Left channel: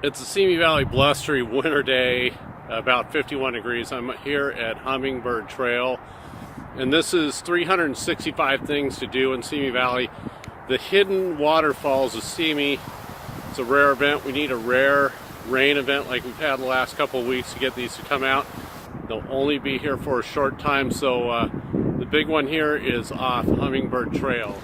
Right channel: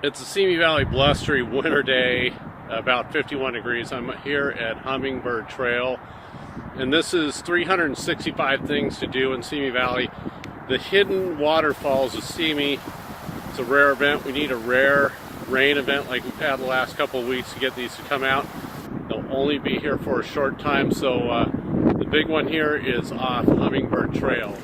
It's a Simi Valley blustery winter day, about 51 degrees. I'm here at Hummingbird Trail, and this is 365 things to do in Simi Valley. The hidden waterfalls of Simi. It's a rare event. We need a rare rain event like we've had the last couple of weeks to get these to come out. They'll only be here for a short time, so the big one here is off Hummingbird Trail.